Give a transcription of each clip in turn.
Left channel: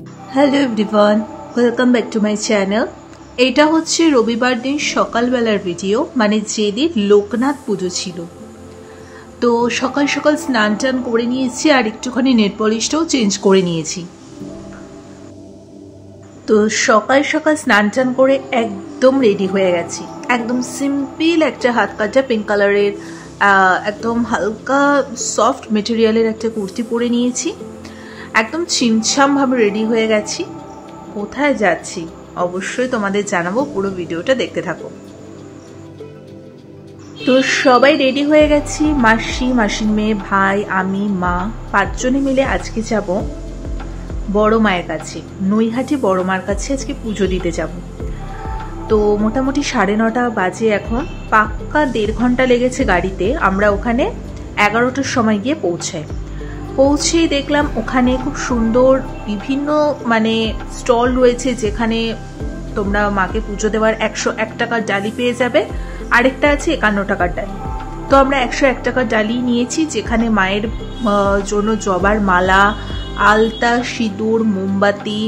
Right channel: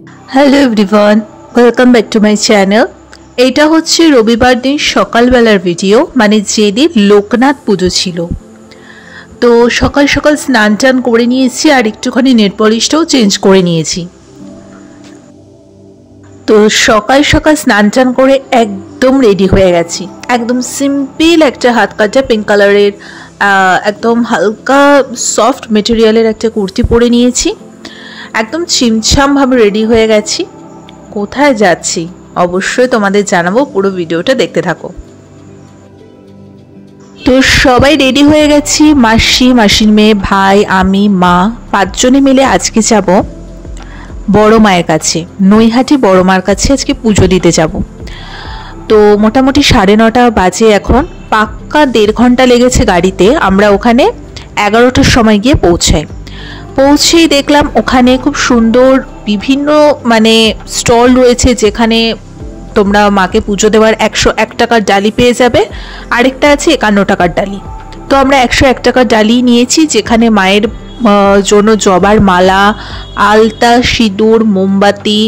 Hello everyone, welcome back to my channel. এটা হচ্ছে রবিবার দিন সকালবেলার ভিডিও, মানে যেদিন লোকনাথ পুজো ছিল। তো সকাল সকাল স্নান টান করে নিয়েছি আর একটুখানি নেল পলিশটাও চেঞ্জ করে নিয়েছি। তো সকাল সকাল স্নান টান করে একদম রেডি হয়ে গেছি। একদম সিম্পল একটা হাত কাটা পিঙ্ক কালারের একদম হালকা সফট মেটেরিয়ালের একটা কুর্তি পরে নিয়েছি। একদম ছিমছামভাবে রেডি হয়ে গেছি। কোথায় যাচ্ছি অবশ্যই তোমাদের জানাবো, পুরো ভিডিওটা দেখতে থাকো। তো সবাই রেডি হয়ে গেছি, মাসি, মাসির মেয়ে, ভাই, আমি, মা, 5 জনে মিলে আজকে যাব বড় মায়ের কাছে, নৈহাটি বড় মার কাছে আজকে পুজো দিতে যাব। তো মোটামুটি 9:30 বাজে এখন, পাক্কা 1.5 ঘন্টা লেগেছে গাড়িতে। আমরা ওখানে 11টার সময় গিয়ে পৌঁছেই দেখলাম ওখানে খুব সুন্দর বিভিন্ন স্টল রয়েছে, যেখানে তোমরা মাকে পুজো দেওয়ার 101 টাকার ডালি পেয়ে যাবে। আরেকটা আছে 51 টাকার ডালি। তো আমরা 101 টাকার ডালি নিয়েছি, যেখানে মায়ের জন্য জবার মালা, আলতা, সিঁদুর, মোমবাতি,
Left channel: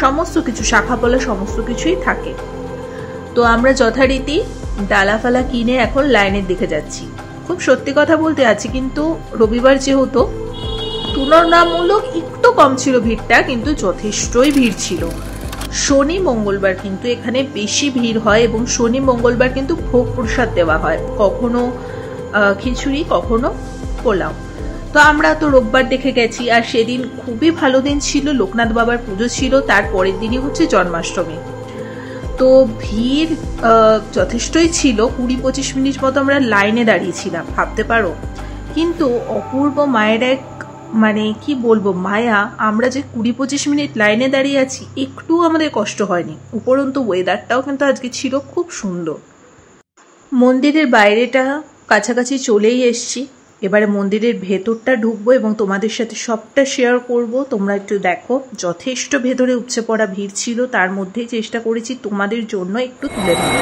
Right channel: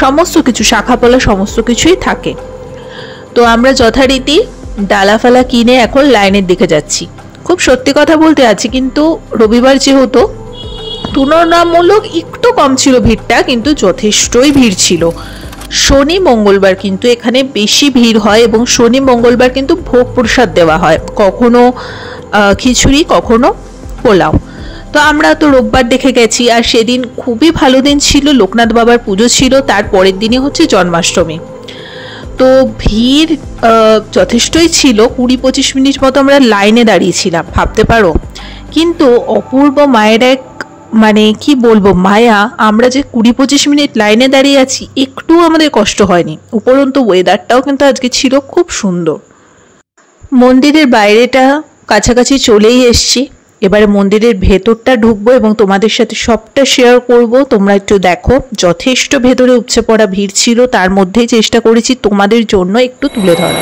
সমস্ত কিছু, শাখাপলা সমস্ত কিছুই থাকে। তো আমরা যথারীতি ডালাফালা কিনে এখন লাইনের দিকে যাচ্ছি। খুব সত্যি কথা বলতে আছি, কিন্তু রবিবার যেহেতু তুলনামূলক একটু কম ছিল ভিড়টা, কিন্তু যথেষ্টই ভিড় ছিল। শনি মঙ্গলবার কিন্তু এখানে বেশি ভিড় হয়, এবং শনি মঙ্গলবার কিন্তু ভোগ প্রসাদ দেওয়া হয়, কখনো খিচুড়ি, কখনো পোলাও। তো আমরা তো রোববার দেখে গেছি, আর সেদিন খুবই ভালো দিন ছিল, লোকনাথ বাবার পুজো ছিল, তার পরের দিনই হচ্ছে জন্মাষ্টমী। তো ভিড় যথেষ্টই ছিল, 20-25 মিনিট মতো আমরা লাইনে দাঁড়িয়েছিলাম, ভাবতে পারো। কিন্তু অপূর্ব মায়ের এক কি বলবো মায়া, আমরা যে 20-25 মিনিট লাইনে দাঁড়িয়ে আছি, একটু আমাদের কষ্ট হয়নি। উপরন্তু ওয়েদারটাও কিন্তু আজকে ছিল খুব সুন্দর। মন্দিরের বাইরেটা কাছাকাছি চলেই এসছি, এবারে মন্দিরের ভেতরটা ঢুকবো এবং তোমাদের সাথে সবটা শেয়ার করব। তোমরা একটু দেখো, যথেষ্ট ভেতরে উপচে পড়া ভিড় ছিল, তার মধ্যেই চেষ্টা করেছি তোমাদের জন্য একটু তুলে ধরা।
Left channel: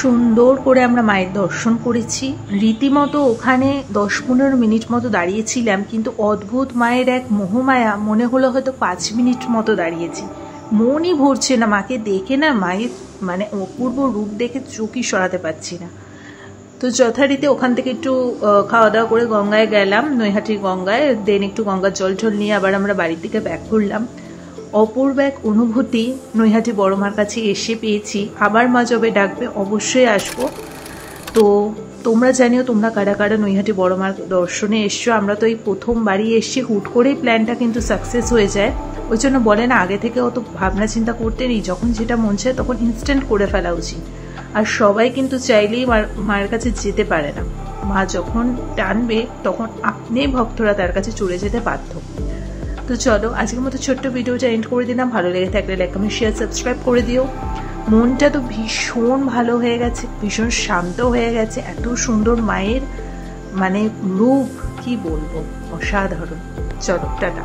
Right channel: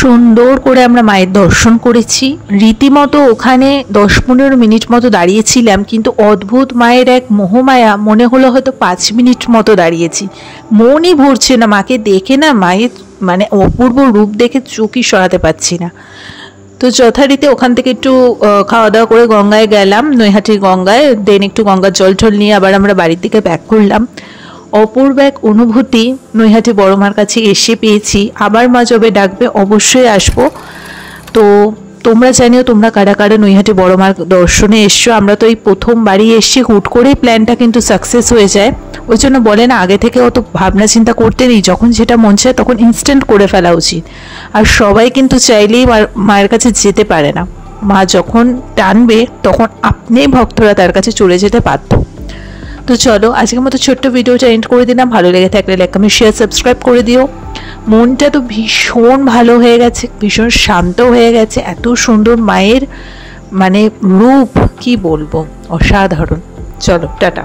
সুন্দর করে আমরা মায়ের দর্শন করেছি। রীতিমতো ওখানে 10-15 মিনিট মতো দাঁড়িয়েছিলাম, কিন্তু অদ্ভুত মায়ের এক মোহমায়া, মনে হলো হয়তো 5 মিনিট মতো দাঁড়িয়েছি। মনই ভরছে না মাকে দেখে, না মায়ের অপূর্ব রূপ দেখে চোখই সরাতে পারছি না। তো যথারীতি ওখান থেকে একটু খাওয়া দাওয়া করে গঙ্গায় গেলাম, নৈহাটির গঙ্গায়। দেন একটু গঙ্গার জল টল নিয়ে আবার আমরা বাড়ির দিকে ব্যাক করলাম। অপূর্ব এক অনুভূতি নৈহাটি বড় মার কাছে এসে পেয়েছি। আবার মা যবে ডাকবে অবশ্যই আসবো। তো তোমরা জানিও তোমরা কারা কারা নৈহাটি বড় মার দর্শনে এসছো। আমরা তো এই প্রথমবারই এসছি, হুট করেই প্ল্যানটা কিন্তু সাকসেস হয়ে যায়। ওই জন্য বলে না, আগে থেকে অত ভাবনা চিন্তা করতে নেই, যখন যেটা মন চায় তখন ইনস্ট্যান্ট করে ফেলা উচিত। আর সবাই কিন্তু চাইলেই মায়ের কাছে যেতে পারে না। মা যখন টানবে তখন আপনি ভক্তরা তার কাছে চলে যেতে বাধ্য। তো চলো আজকের মতো ছোট্ট ভিডিওটা এন্ড করে দিলাম। ভালো লেগে থাকলে লাইক, কমেন্ট, শেয়ার, সাবস্ক্রাইব করে দিও। মনটা তো ভীষণ ভালো হয়ে গেছে, ভীষণ শান্ত হয়ে গেছে। এত সুন্দর মায়ের রূপ, কি বলবো, অসাধারণ। চলো টাটা।